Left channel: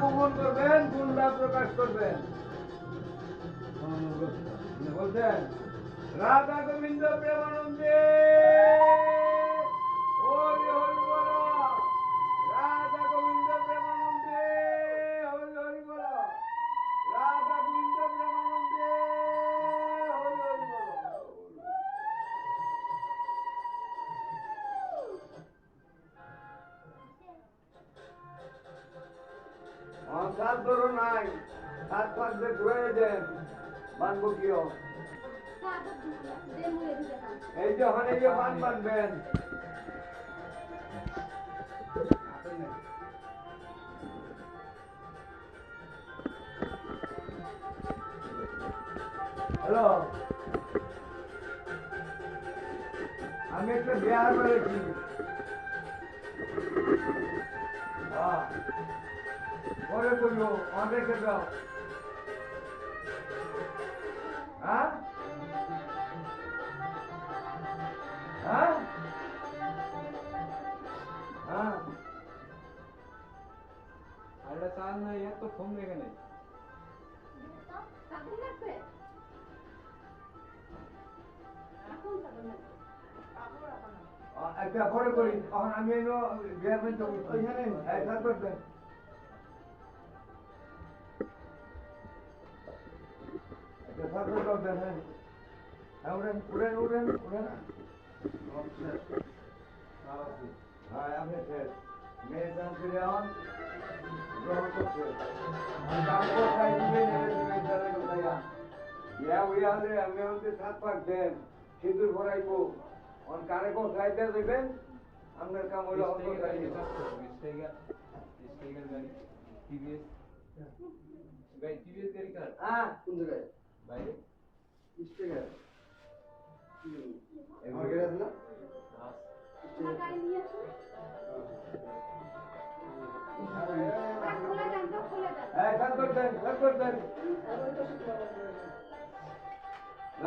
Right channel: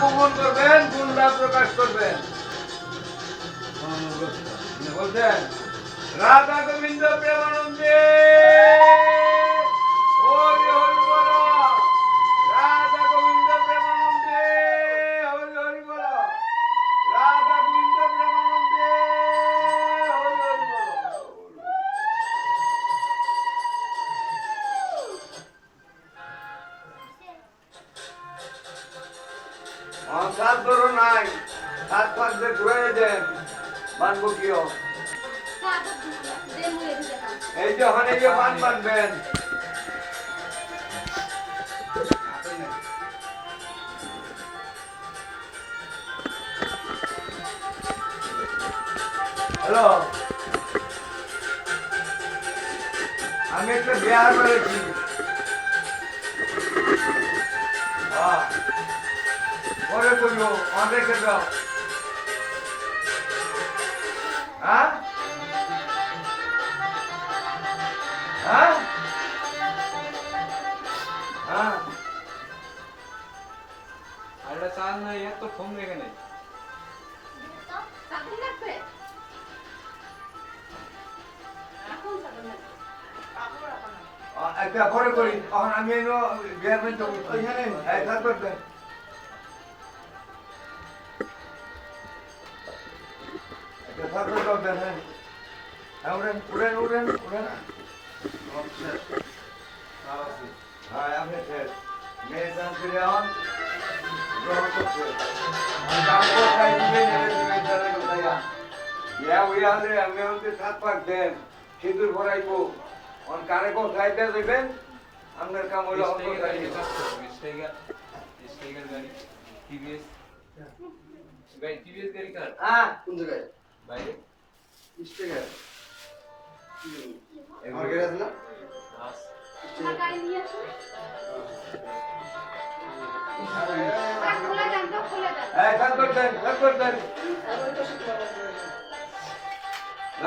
গোপন করবেন, গুণটা প্রকাশ করবেন। বলছেন রাধা গোবিন্দ প্রেমানন্দে হরি হরি বল। রাধা গোবিন্দ প্রেমানন্দে হরি হরি বল। রাধা গোবিন্দ প্রেমানন্দে হরি হরি বল। সাত ধরো নাই, সাত পাঁচ দিয়ে ঘুরে দেন, মানবো কিও। এই যে ওখানে গিয়ে পান বানবেন। হ্যালো, আমি একটা বিহার করেছি। পরে করবো, অনেকে দাও। হ্যাঁ হ্যাঁ হ্যাঁ আরেকটা চাল নাই, এত ফোন রেখে নেই। একটা পরে করি, তখন আমি বিহার মেন ওইখানে থাক করবেন। একটা থাক করবেন। হ্যাঁ উড়েন উড়েন উড়েন উড়েন। হ্যাঁ আপনি শেষ। মেয়ে চান ফিরে হন গ্রহণ করছে। আমি আমাকে 7 পাক দেন, সিঁদুর ভরাইবো। কানে কোন খাইতে দেবেন, আপনার কাম হইল গাড়ি টিভিএস গাড়ি কার কোন জায়গায় বাইরে স্টেগার আমার গাড়ি আছে না? তোমার গাড়ি নিয়ে আসো।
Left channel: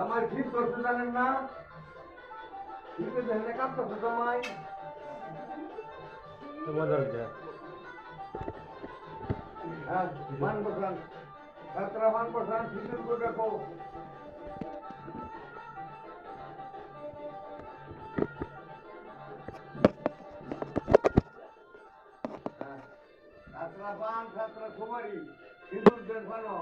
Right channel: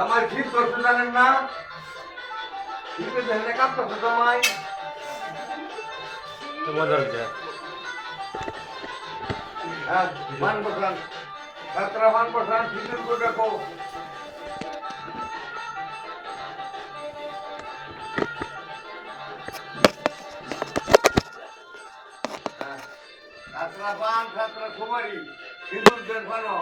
আমার ঠিক করতে জানেন না, ঠিক আছে কাঁপতেছে তোমায়। হ্যাঁ মান বসান, ছাত্রা মান বসান, ঠিক করে দেখো। ছাত্রা পান, ছাত্রা কুমারী, সিঁদুর দেন ফানো।